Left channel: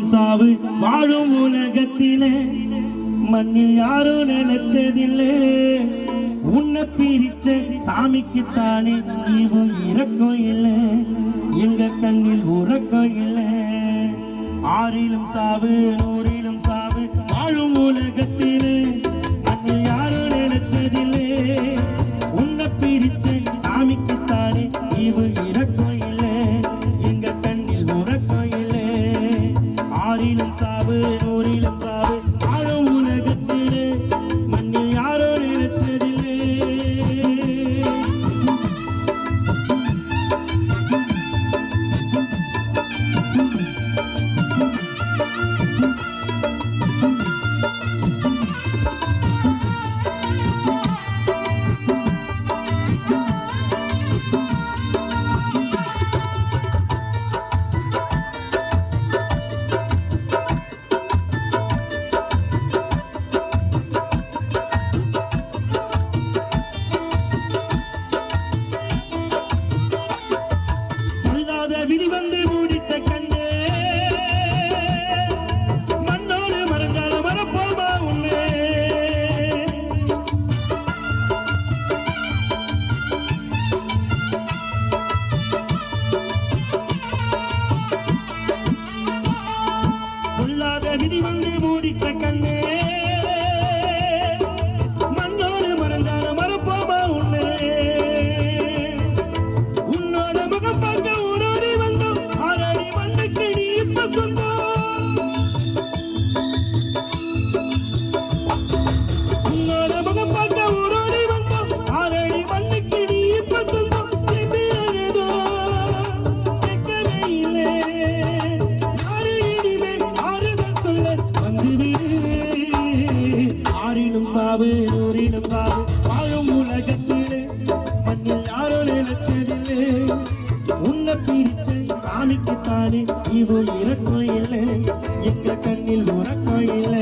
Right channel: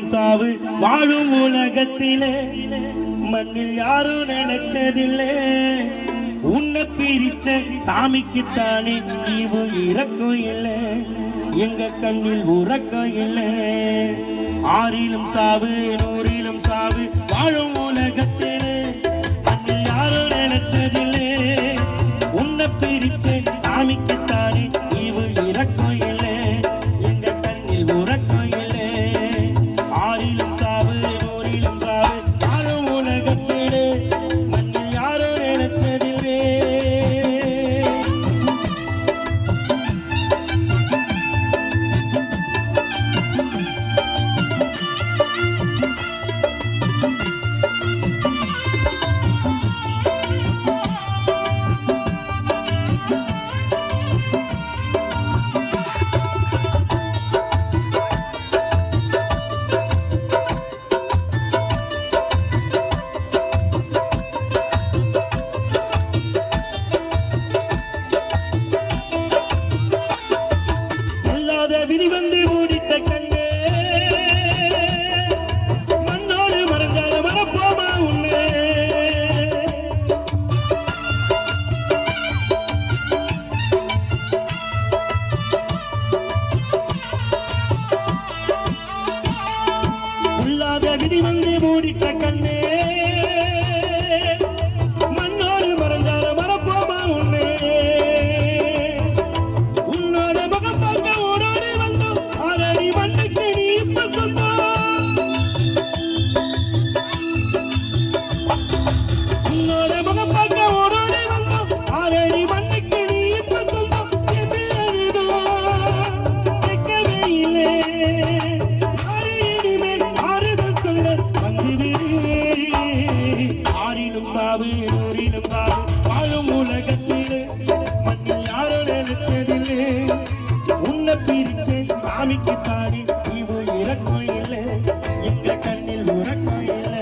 சாவு வாழும் உலகத்திலே. மண்ணில் யாரோ நினைச்சதில்லை. உன்னை பிரிச்ச சாமிக்குத்தானே ஈவு இறக்கம் இல்லை. எங்க கண்ணில் உறக்கம் இல்லை. ஆறிலும் சாவு நூறு பிடிவெல்லே மூடிட்ட இந்த கண்ணில் உரமாயில்லை